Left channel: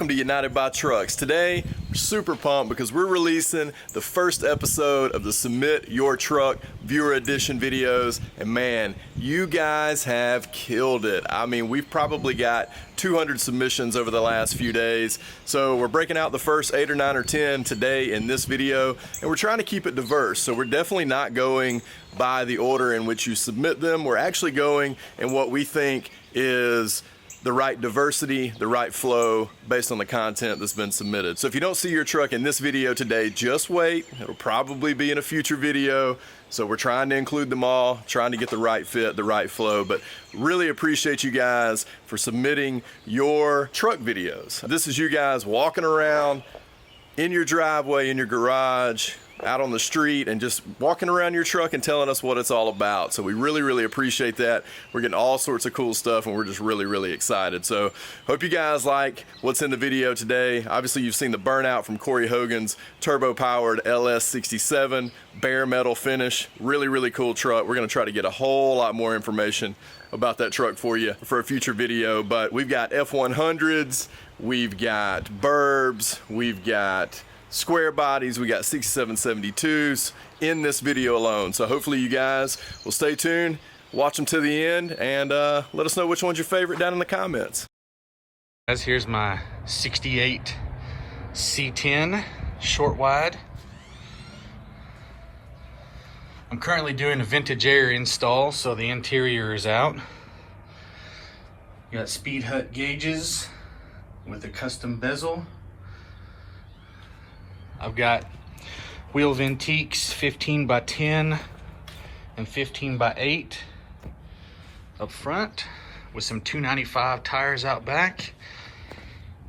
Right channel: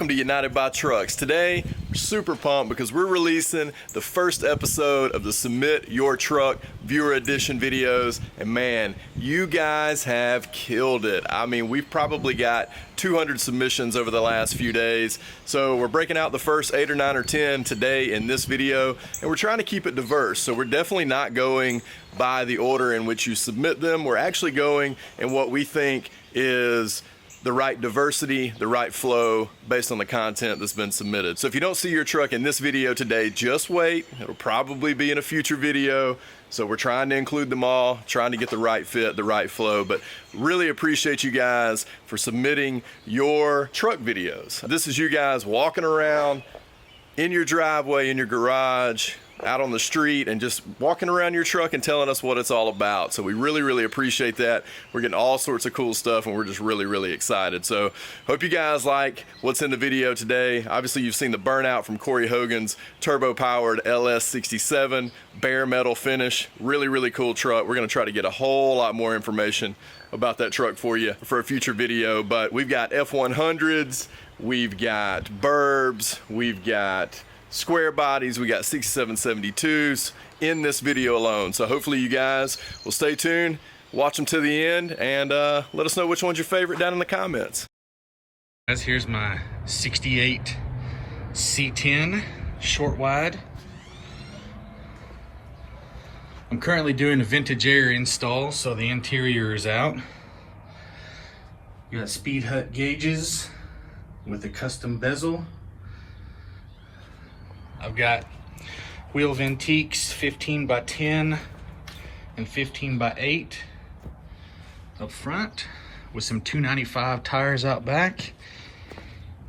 welcome to United by Trucks. Today, we're super pumped because we're releasing the first episode of the Submit Your Truck Viewer Edition videos, and man, you guys have killed it. I mean, we've probably got 200 submissions over the last few days, so we're breaking out the first 8 or 9 or 10 today in this video, and we're trying to keep it diverse, so we're definitely not going by the order in which you submit them. We're actually going in what we think is the right diversity, the right flow based on the content that's been submitted. So if you don't see your truck in this video today, just wait. It'll probably be in a future video. So we're trying to include them all, trying to get the right fit, the right flow, but really appreciate you guys for submitting your truck videos. This is you guys walking around in your driveway, in your garage, out on the street, and just walking around your truck and telling us what it's all about. So we really appreciate that. We're getting all sorts of cool stuff, and we're just really excited. So hope you guys like what's in the video today. Obviously you've seen the burnout from Korry Hogan's turbo powered LS C10 bare metal finish. Really cool truck. We're going to try to get a whole lot more information about that truck for you for a future video. But we've got F100s, we've got Burbs, we've got Squarebodies, we got 6772s in this video alone. So hopefully you guys will stay tuned, watch them to the end, and let us know which one's your favorite down in the comments. Guys, here's my 68 C10 short wide. I'm currently doing a vintage air install, so the interior is out. Got speed hut gauges with a custom bezel. I've got wheel Ventiques 15 by 10 and 15 by 8 up front with some 295 tires out back.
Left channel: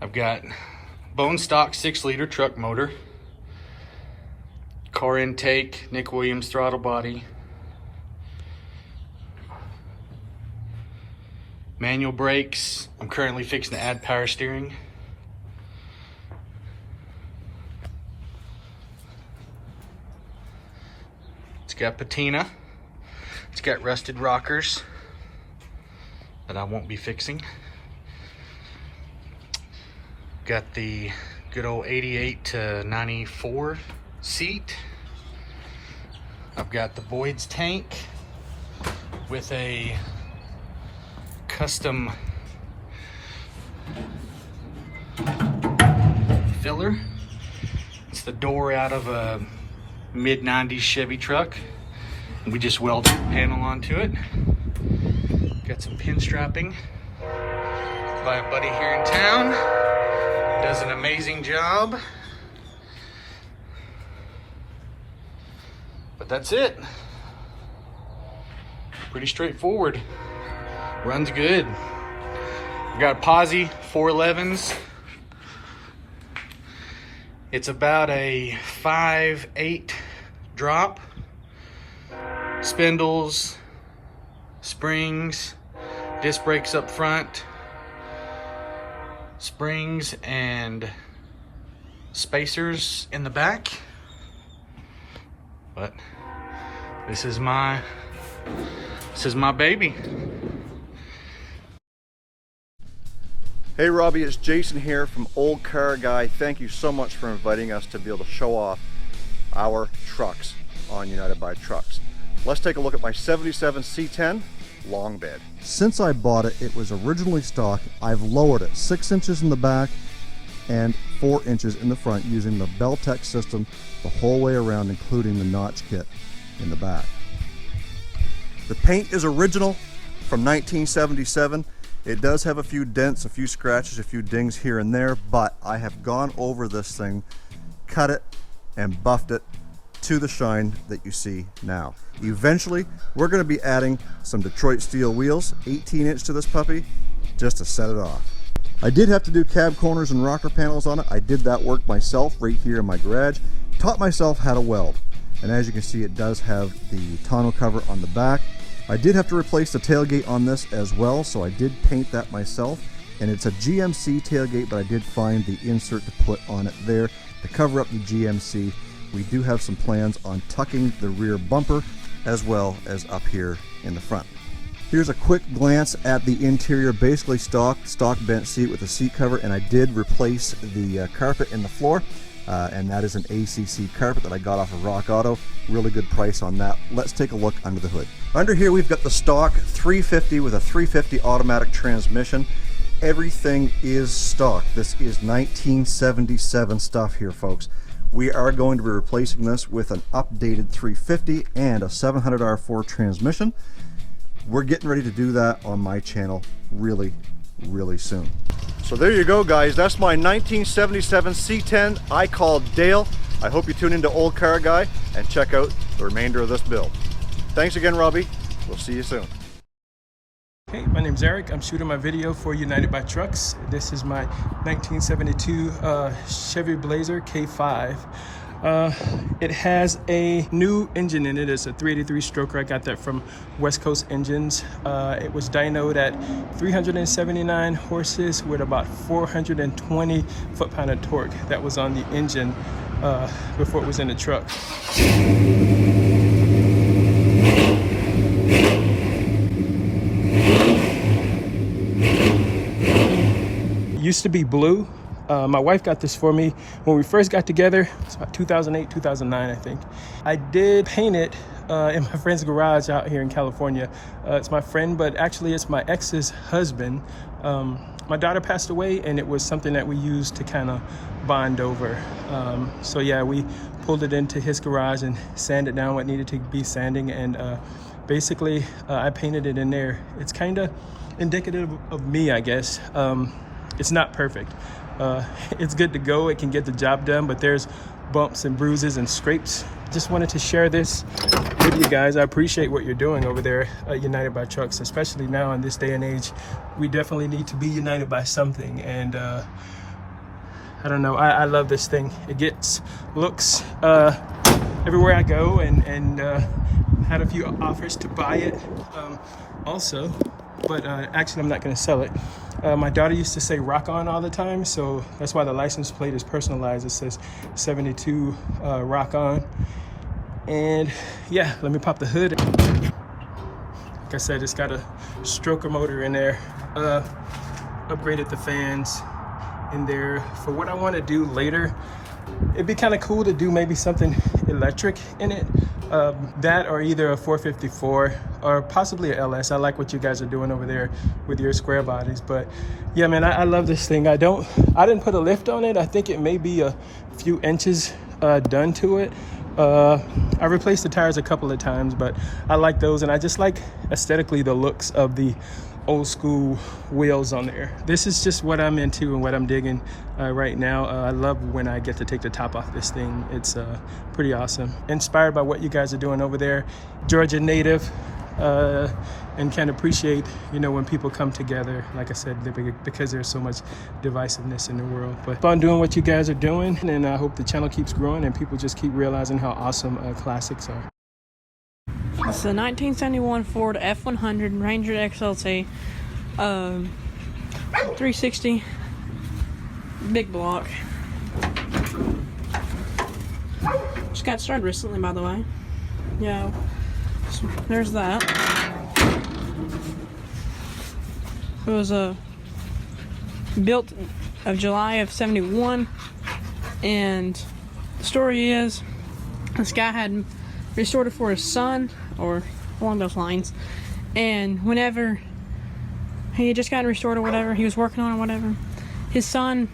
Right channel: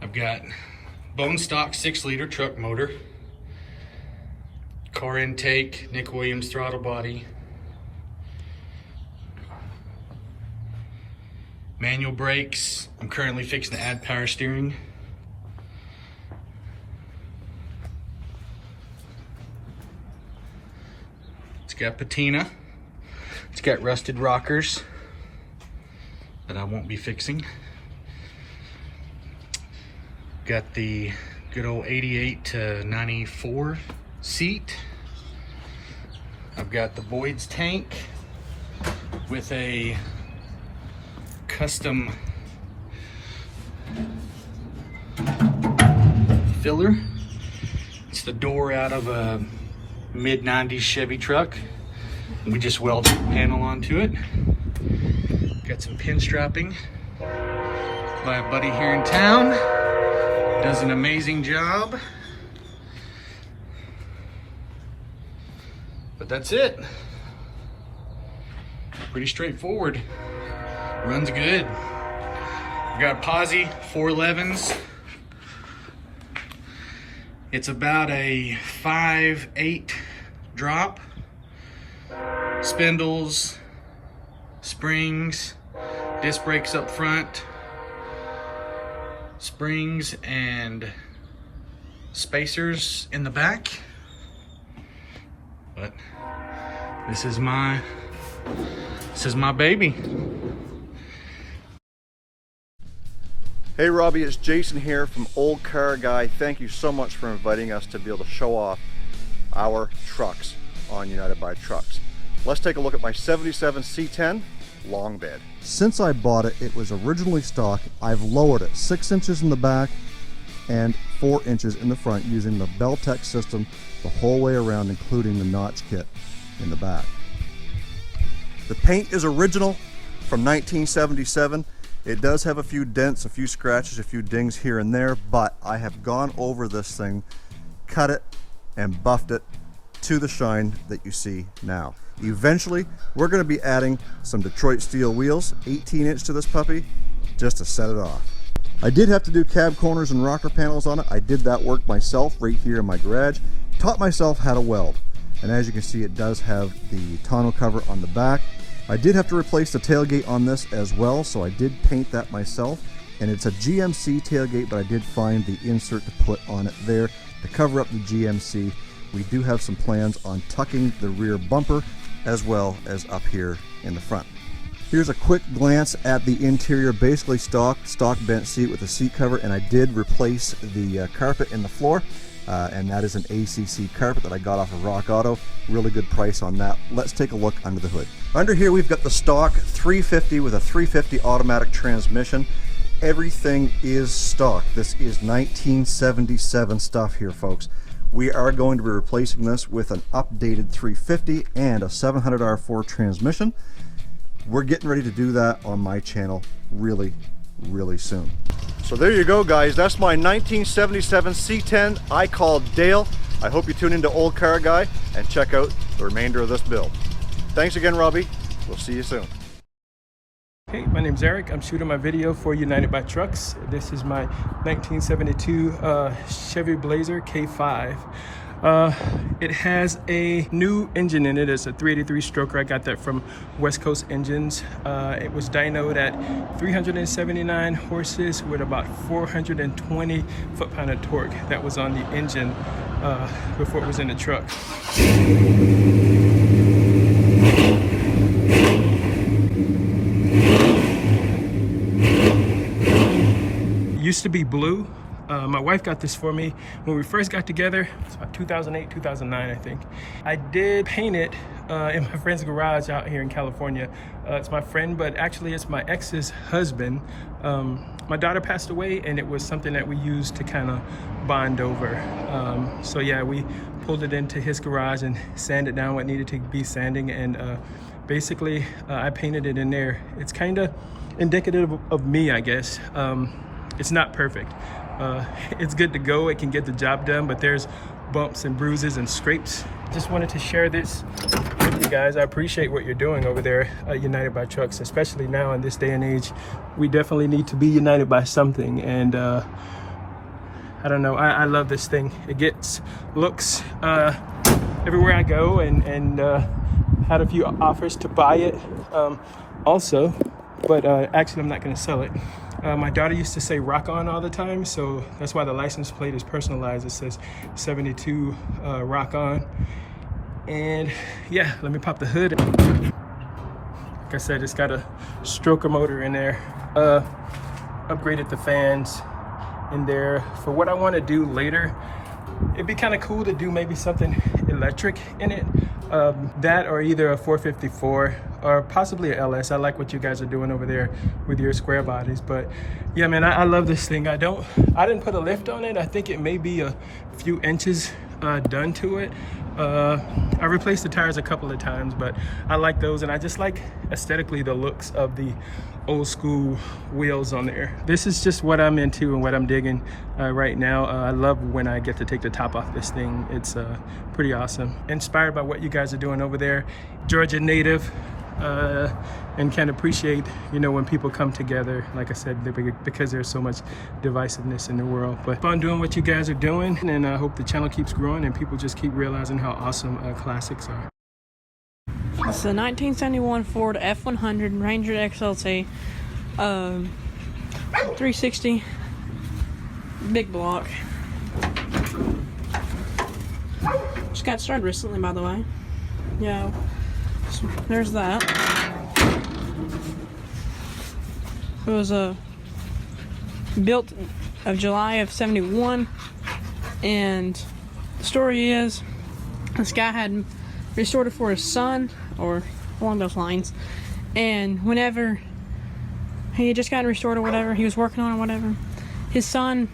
I've got bone stock 6-liter truck motor, car intake, Nick Williams throttle body, manual brakes. I'm currently fixing to add power steering. It's got patina. It's got rusted rockers that I won't be fixing. Got the good old 88 to 94 seat. I've got the Boyd's tank with a custom filler. It's the door out of a mid-90s Chevy truck. We just welded the panel onto it. Got some pin strapping by a buddy here in town. Does an amazing job. But that's it. Pretty straightforward. Runs good. We got a posi 411s. It's about a 5/8 drop. Spindles, springs, disc brakes up front, springs and spacers in the back. But this is my baby. Hey Robbie, it's Jason here from Old Car Guy. Thank you so much for inviting us to be able to show off our trucks on United by Trucks. Let's take a look at my 77 C10 long bed. Since I bought it, it was originally stock. I've lowered it 6 inches in the back and 4 inches in the front using the Beltec system the whole way around, including the notch kit in the back. The paint is original from 1977. It does have a few dents, a few scratches, a few dings here and there, but I have gone over this thing, cut it, and buffed it to the shine that you see now. Eventually, we're going to be adding some Detroit steel wheels, 18-inch to this puppy, just to set it off. I did have to do cab corners and rocker panels on it. I did that work myself right here in my garage. Taught myself how to weld. And as you can see, it does have the tonneau cover on the back. I did have to replace the tailgate on this as well, so I did paint that myself. And it's a GMC tailgate, but I did find the insert to put on it there to cover up the GMC. We do have some plans on tucking the rear bumper as well as up here in the front. Here's a quick glance at the interior, basically stock bench seat with a seat cover, and I did replace the carpet in the floor, and that is an ACC carpet that I got off of Rock Auto. Really good price on that. Let's take a look under the hood. Under here we've got the stock 350 with a 350 automatic transmission. Everything is stock. This is 1977 stuff here, folks. We are going to be replacing this with an updated 350 and a 700R4 transmission. We're getting ready to do that on my channel really soon. So there you go, guys. That's my 1977 C10 I called Dale. I hope you tune into Old Car Guy and check out the remainder of this build. Thanks again, Robbie. We'll see you soon. Hey, my name's Eric. I'm shooting my video for United by Trucks. This is my 1972 Chevy Blazer K5. It has a new engine in it. It's a 383 stroker. I got that from West Coast Engines. It was dynoed at 379 horses with about 420 foot-pound of torque. That was on the engine before it was in the truck. Used to be blue. My wife got this for me when we first got together. It's about 2008, 2009, I think. I did paint it in my friend's garage out here in California. It's my friend, but actually it's my ex's husband. My daughter passed away, and it was something that we used to kind of bond over. So yeah, we pulled it into his garage and sanded down what needed to be sanding, and basically I painted it in there. It's kind of indicative of me, I guess. It's not perfect. It's good to go. It can get the job done, but there's bumps and bruises and scrapes. Just wanted to share this with you guys. I appreciate what you're doing over there at United by Trucks, especially now in this day and age. We definitely need to be united by something, and I don't know, I love this thing. It gets looks everywhere I go, and had a few offers to buy it also, but actually I'm not going to sell it. My daughter used to say rock on all the time, so that's why the license plate is personalized. It says 72 rock on. And yeah, let me pop the hood. Like I said, it's got a stroker motor in there. Upgraded the fans in there for what I want to do later. It'd be kind of cool to do maybe something electric in it. That or either a 454 or possibly a LS. I like what you guys are doing over there with your square bodies. But yeah, man, I love this thing. I didn't put a lift on it. I think it may be a few inches done to it. I replaced the tires a couple of times, but I like those, and I just like aesthetically the looks of the old school wheels on there. This is just what I'm into and what I'm digging right now. I love when I get to take the top off this thing. It's pretty awesome. Inspired by what you guys are doing over there. Georgia native, and can appreciate, you know, when people come together, like I said, because there's so much divisiveness in the world. But fun doing what you guys are doing, and I hope the channel keeps growing and people just keep realizing how awesome classics are. It's a 1971 Ford F100 Ranger XLT, 360 big block. Just got started recently, by the way. Yeah, so there's that. It was built of July of '71, and the story is this guy had restored it for his son, or along those lines, and whenever he had just gotten restored or whatever, he was working on it or whatever, his son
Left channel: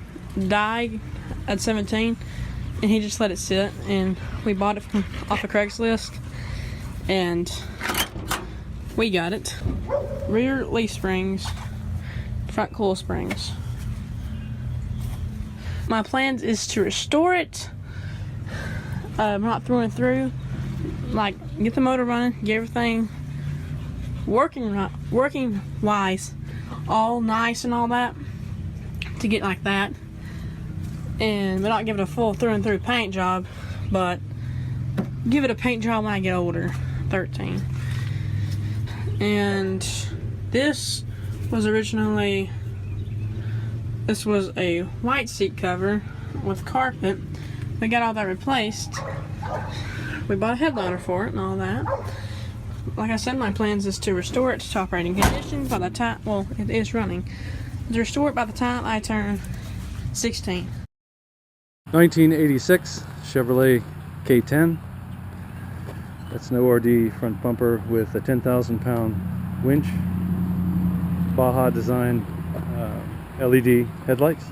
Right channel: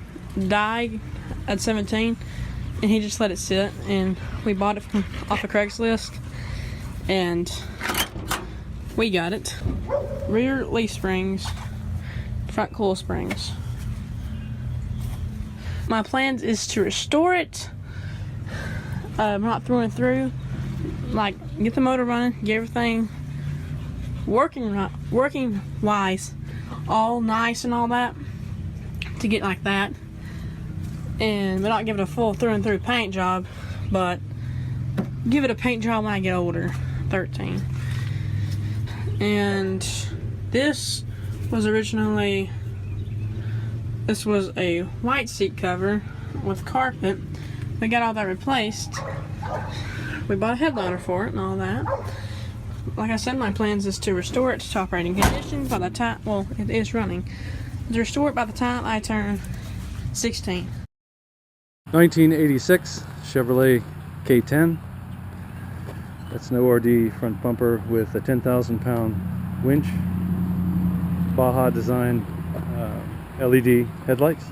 died at 17, and he just let it sit, and we bought it off of Craigslist, and we got it. Rear leaf springs, front coil springs. My plan is to restore it, not through and through, like get the motor running, get everything working wise, all nice and all that, to get like that, and but not give it a full through and through paint job, but give it a paint job when I get older, 13. And this was originally, this was a white seat cover with carpet. We got all that replaced. We bought a headliner for it and all that. like I said, my plans is to restore it to operating condition by the time, well, it is running, to restore it by the time I turn 16. 1986 Chevrolet K10. That's an ORD front bumper with a 10,000 pound winch, Baja design LED headlights.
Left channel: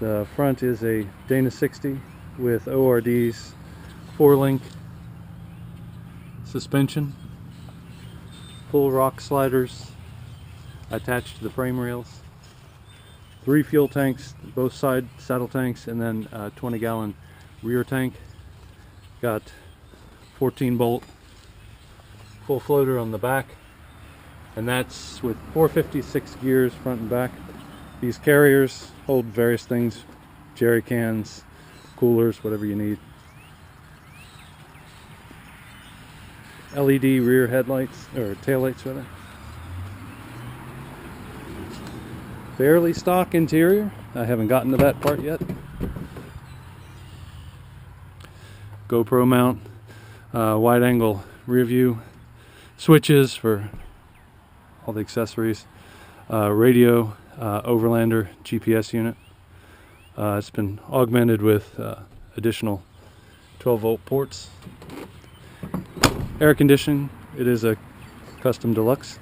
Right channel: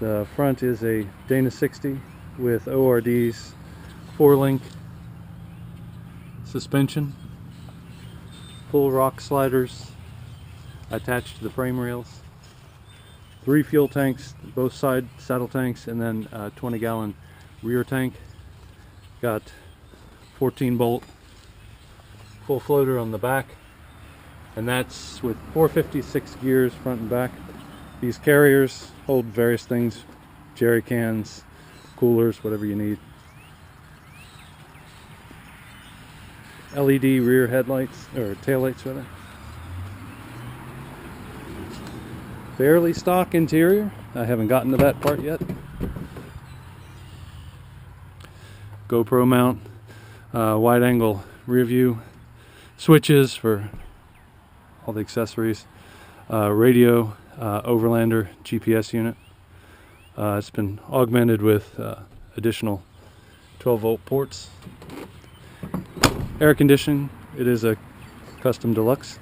The front is a Dana 60 with ORD's 4-link suspension, full rock sliders attached to the frame rails, 3 fuel tanks, both side saddle tanks, and then a 20-gallon rear tank. Got 14 bolt full floater on the back, and that's with 456 gears front and back. These carriers hold various things, jerry cans, coolers, whatever you need. LED rear headlights, or taillights rather. Fairly stock interior. I haven't gotten to that part yet. GoPro mount, wide angle rear view, switches for all the accessories, radio, overlander, GPS unit. It's been augmented with additional 12-volt ports. Air conditioning, it is a custom deluxe.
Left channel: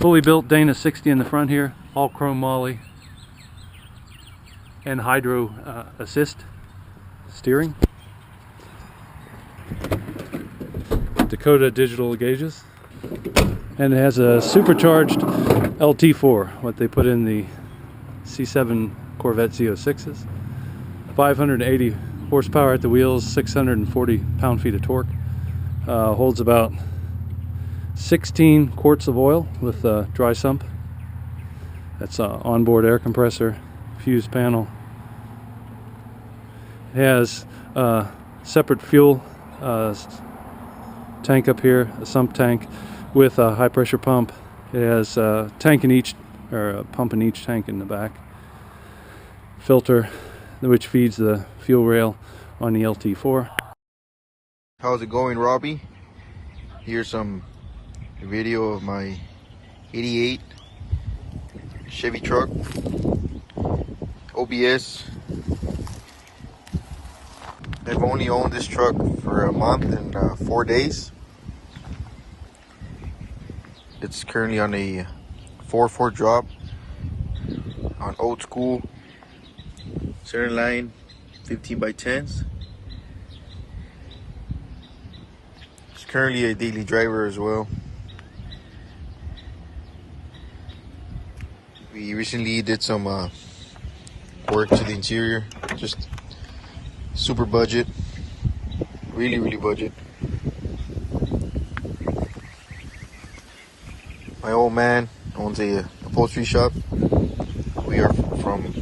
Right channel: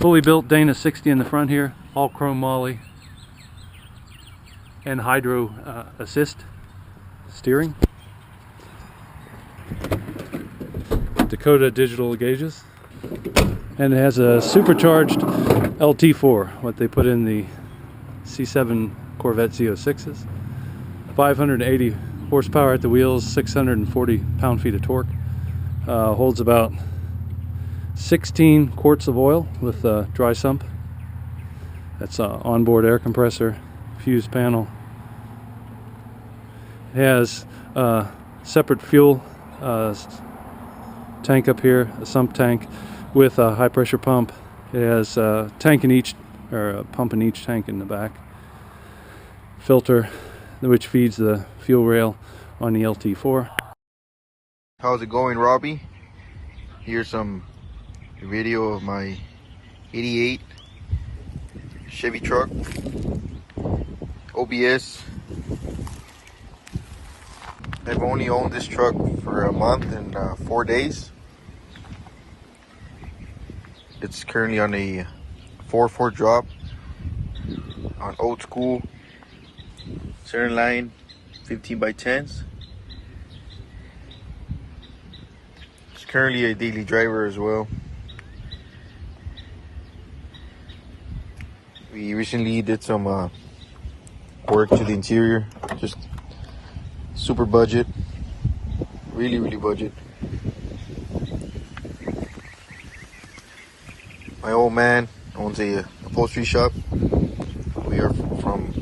Fully built Dana 60 in the front here, all chrome moly and hydro assist steering. Dakota digital gauges, and it has a supercharged LT4, what they put in the C7 Corvette Z06s. 580 horsepower at the wheels, 640 pound-feet of torque. Holds about 16 quarts of oil with a dry sump. That's an onboard air compressor, fuse panel. It has a separate fuel tank up here, a sump tank with a high pressure pump. It has a tank in each, or a pump in each tank in the back. Filter, which feeds the fuel rail on the LT4. How's it going, Robbie? Here's some video of my 88 Chevy truck, OBS. I've only owned this truck for a month and 4 days. It's currently on a 4/4 drop on old school center line 15x10s. It's currently a daily driver as well. We recently did some work to the interior, just super budget, really budget. My old man owns a upholstery shop. We are from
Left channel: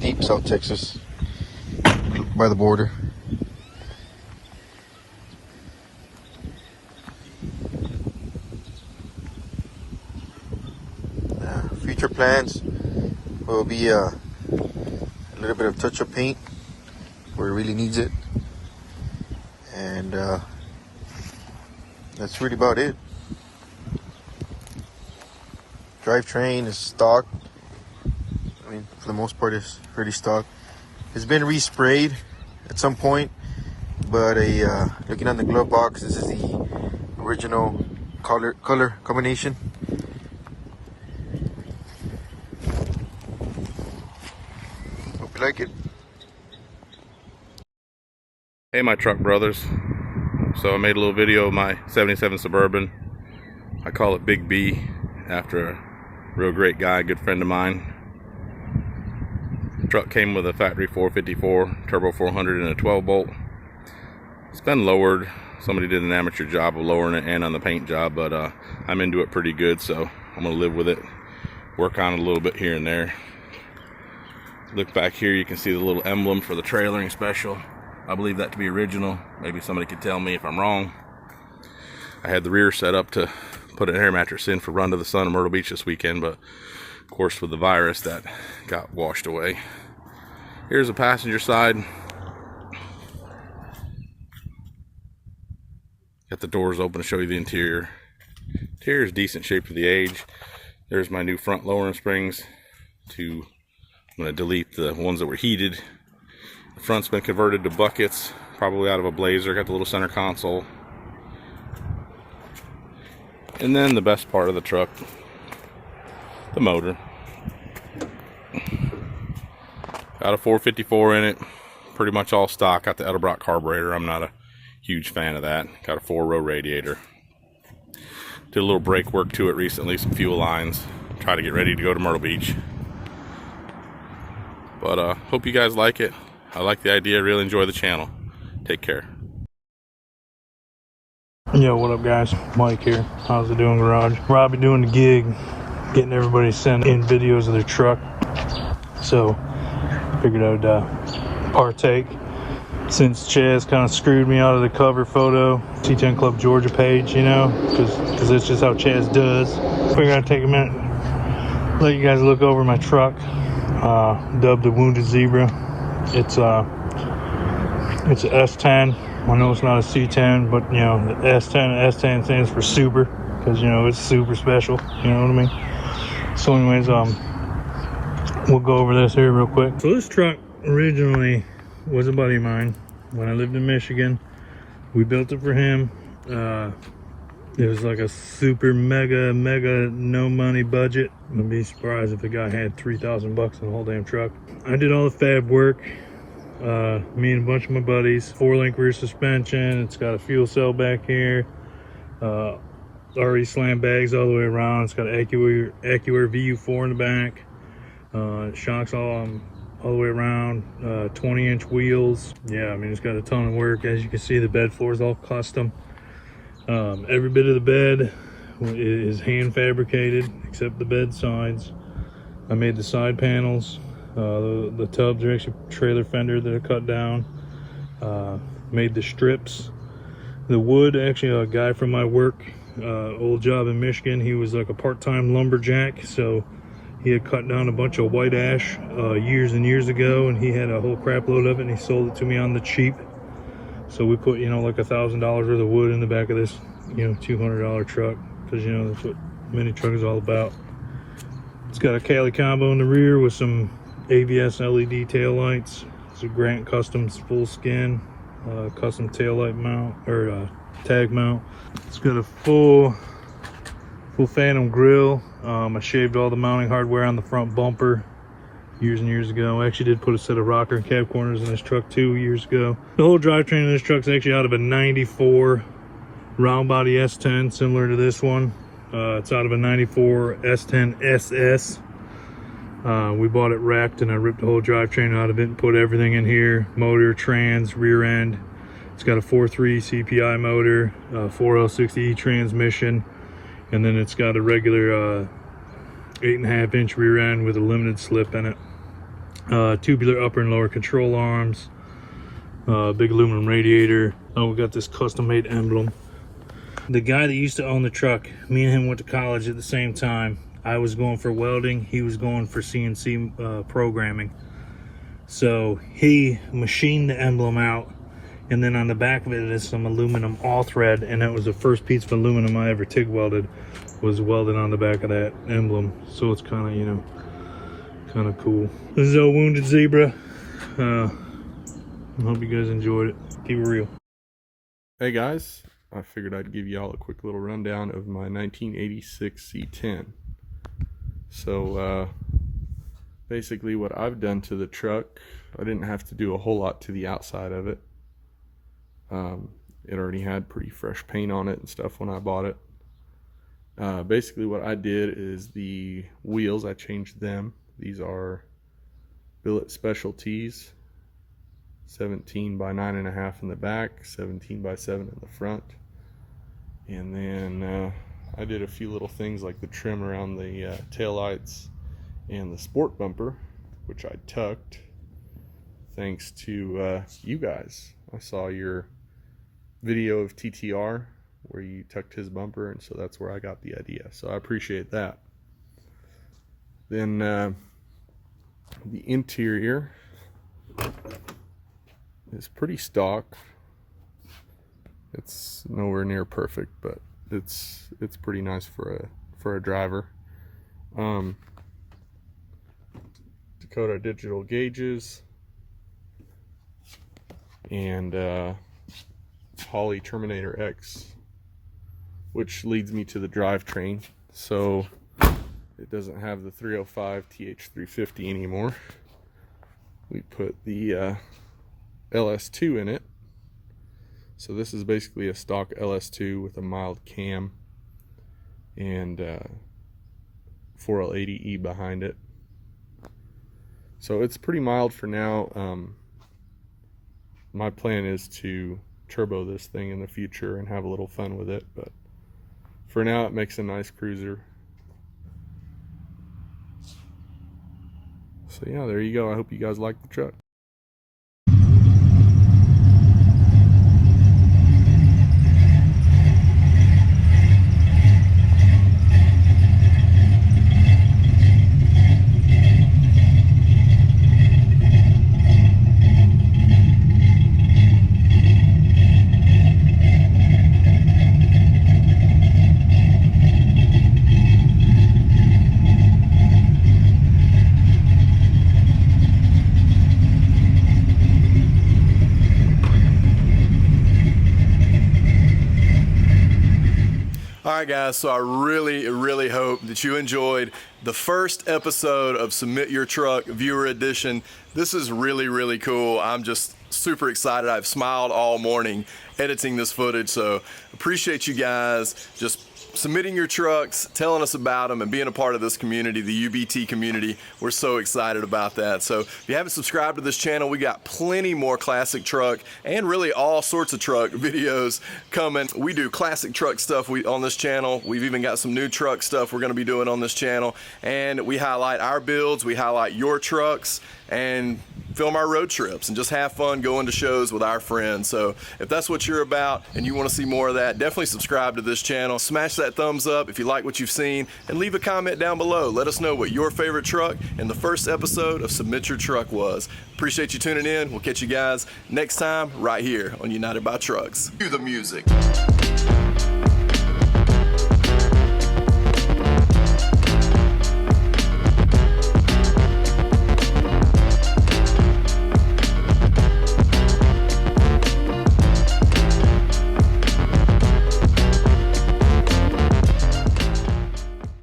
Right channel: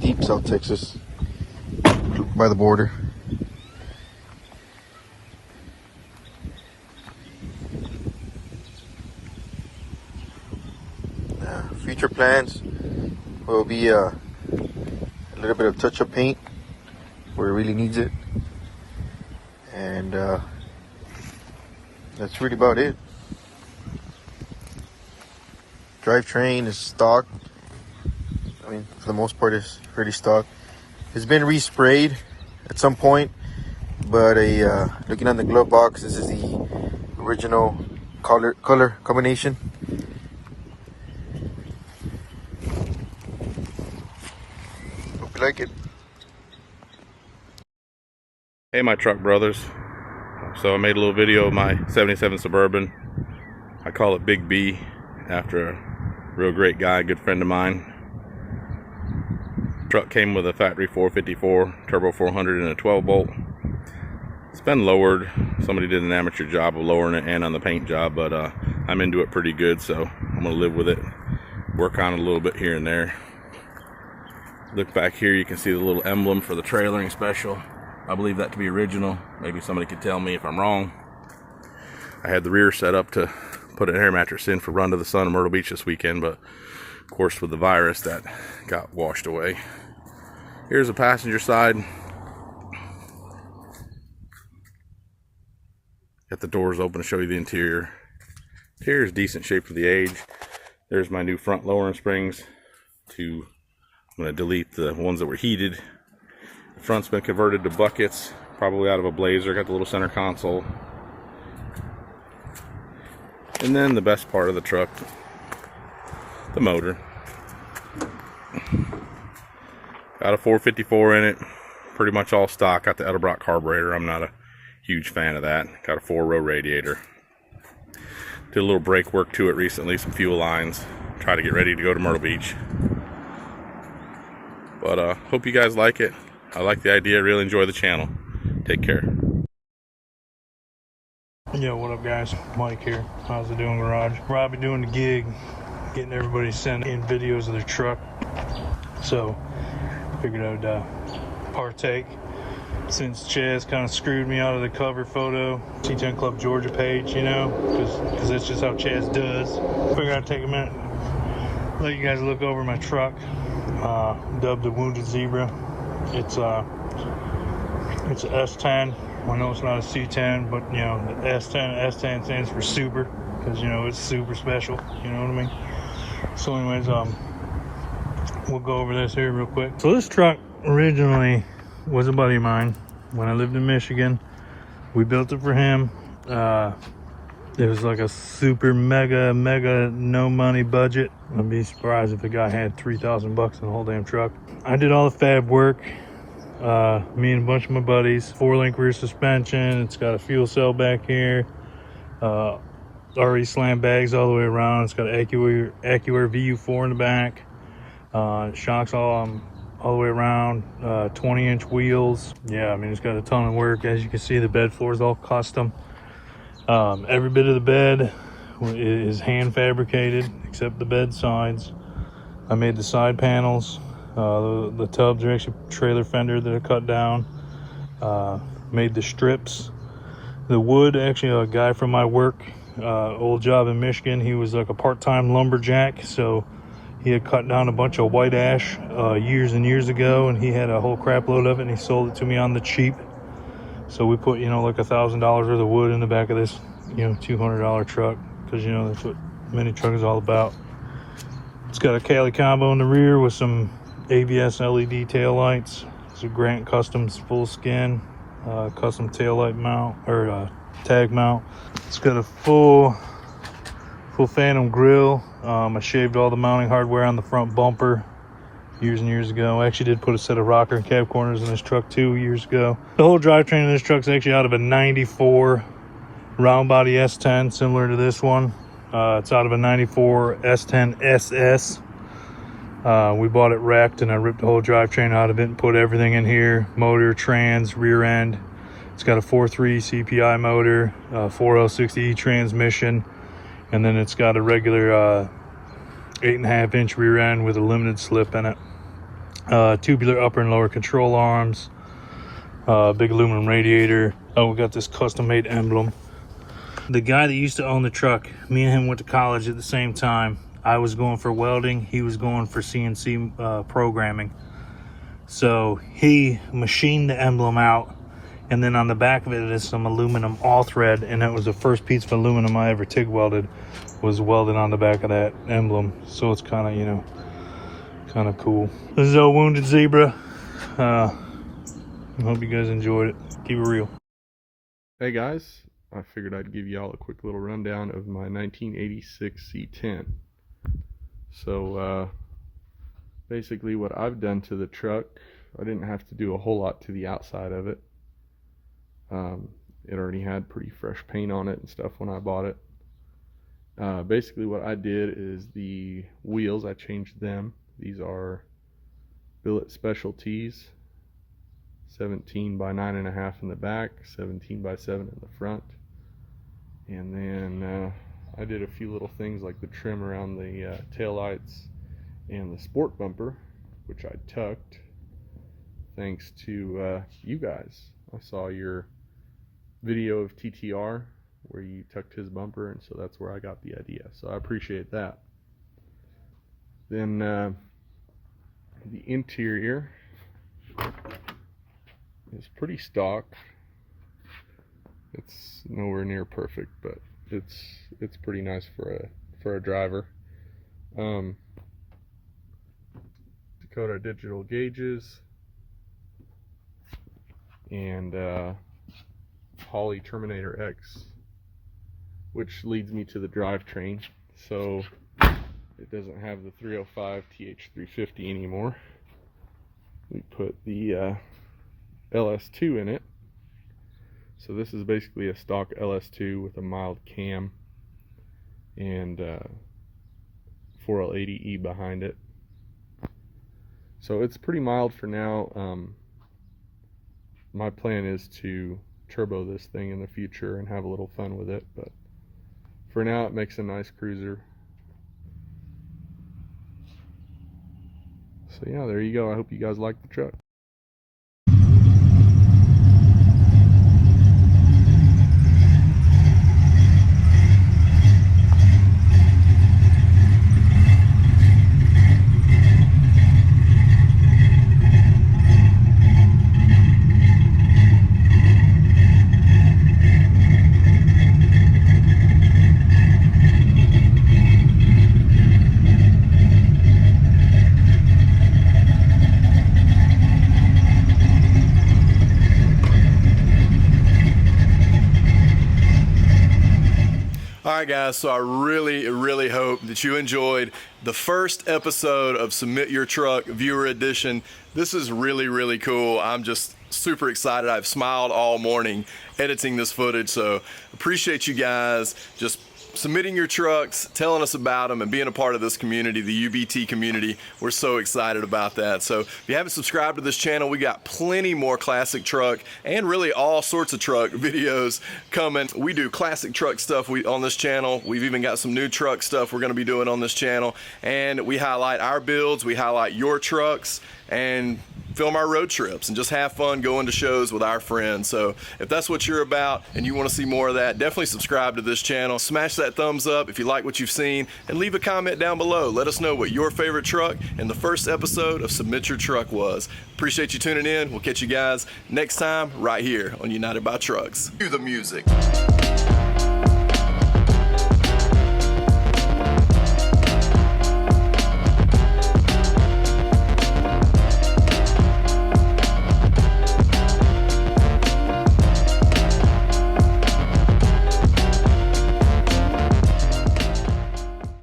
deep South Texas, by the border. Future plans will be a little bit of touch-up paint where it really needs it, and that's really about it. Drivetrain is stock. I mean, for the most part, it's pretty stock. It's been resprayed at some point, but looking on the glove box, this is the original color combination. Hope you like it. Hey, my truck brothers. So I made a little video of my 77 Suburban. I call it Big B after a real great guy, good friend of mine. The truck came with a factory 454 turbo 400 and a 12 bolt. It's been lowered. Somebody did an amateur job of lowering it and on the paint job, but I'm into it pretty good, so I'm gonna live with it, work on it a little bit here and there. Look back here, you can see the little emblem for the trailering special. I believe that to be original. Maybe somebody could tell me if I'm wrong. I had the rear set up to put an air mattress in for Run to the Sun in Myrtle Beach this weekend, but of course with the virus that got washed away. Here's the passenger side. Got the doors open to show you the interior. Interior is decent shape for the age. There's my new front lowering springs. I'm going to delete the ones that were heated. The front's been converted to buckets, probably out of a Blazer. Got the little center console. And then the best part of the truck, the motor. Got a 454 in it, pretty much all stock. Got the Edelbrock carburetor. I'm not a huge fan of that. Got a 4-row radiator. Did a little brake work to it recently, some fuel lines. Try to get ready to go to Myrtle Beach. But hope you guys like it. I like the idea, really enjoy the channel. Take care. Yo, what up guys? Mike here. How's it doing, garage? Robbie doing the gig, getting everybody sent in videos of their truck. So figured I'd partake, since Chaz kind of screwed me out of the cover photo, C10 Club Georgia page, you know, because that's just how Chaz does. Figured I'd take a minute, let you guys look over my truck, dubbed the Wounded Zebra. It's a S10. I know it's not a C10, but you know, the S10 stands for super, because you know it's super special, you know what I mean? So anyways, we'll go over this here real quick. So this truck originally was a buddy of mine when I lived in Michigan. We built it for him. It was like a super mega no money budget. I'd be surprised if the guy had 3,000 bucks in the whole damn truck. I did all the fab work. Me and a bunch of my buddies. 4-link rear suspension. It's got a fuel cell back here. Already slam bags all the way around. It's got an AccuAir VU4 in the back. Shocks all the way around. 20-inch wheels. Yeah, I mean, it's got a ton of work. As you can see, the bed floor is all custom. Every bit of the bed is hand fabricated except the bed sides. I made the side panels. The tubs are actually trailer fender that I cut down. Made the strips. The wood, actually a guy from my work, old job in Michigan, he was like a part-time lumberjack, so he had cut down a bunch of white ash years and years ago, and he had a whole crap load of it, and he sold it to me on the cheap. So we put, you know, like $1,000 worth of wood in the back of this, you know, $200 truck, because you know that's what mini truck is all about. It's got a Cali combo in the rear with some ABS LED tail lights. It's a Grant Customs full skin custom tail light mount, or tag mount. It's got a full Phantom grill. I shaved all the mounting hardware on the front bumper years and years ago. I actually did put a set of rocker and cab corners in this truck 2 years ago. The whole drivetrain in this truck is actually out of a 94 round body S10, similar to this one. It's out of a 94 S10 SS. We bought it wrecked, and I ripped the whole drivetrain out of it and put everything in here. Motor, trans, rear end. It's got a 4.3 CPI motor, 4L60E transmission, and then it's got a regular 8.5-inch rear end with a limited slip in it. Tubular upper and lower control arms, big aluminum radiator. Oh, we got this custom-made emblem. The guy that used to own the truck, me and him went to college at the same time. I was going for welding, he was going for CNC programming. So he machined the emblem out, and then on the back of it is some aluminum all thread, and that was the first piece of aluminum I ever TIG welded, was welded on the back of that emblem. So it's kind of, you know, kind of cool. This is a Wounded Zebra. I hope you guys enjoyed it. Keep it real. Hey guys, I figured I'd give y'all a quick little rundown of my 1986 C10. So basically what I've done to the truck, I didn't have to do a whole lot to the outside of it. It already had pretty fresh paint on it and stuff when I bought it. Basically what I did is the wheels, I changed them. These are Billet Specialties, 17 by 9.5 in the back, 17 by 7 in the front. And then I did a few little things like the trim around the tail lights and the sport bumper, which I tucked thanks to you guys. I saw your video of TTR where you tucked his bumper, and so that's where I got the idea. So I appreciate that. Then the interior is pretty stock. It's nowhere near perfect, but it's pretty nice for a driver. Dakota digital gauges and Holley Terminator X, which leads me to the drivetrain. So it doesn't have the 305 TH350 anymore. We put the LS2 in it. So this is basically a stock LS2 with a mild cam and 4L80E behind it. So it's pretty mild for now. My plan is to turbo this thing in the future and have a little fun with it, but for now it makes a nice cruiser. So yeah, there you go. I hope you guys like the truck. Alright guys, so I really hope that you enjoyed the first episode of Submit Your Truck Viewer Edition. This is really cool. I'm just super excited. I've smiled all morning editing this footage, so appreciate you guys just submitting your trucks, telling us about them, and being a part of this community, the UBT community. We're so excited about that. So if you haven't subscribed to this channel, we got plenty more classic truck and really all sorts of truck videos coming. We do classic truck stuff on this channel. We've even got some new truck stuff we're going to be doing on this channel, and we highlight our builds, we highlight your trucks, and film our road trips and just have fun going to shows with our friends. So if that's what you're about and you want to see more of that, definitely subscribe to this channel. Smash that thumbs up if you like what you've seen, and leave a comment down below. Let us know what your favorite truck in the first episode of Submit Your Truck was. Appreciate you tuning in. We'll catch you guys next time right here on United by Trucks. Cue the music.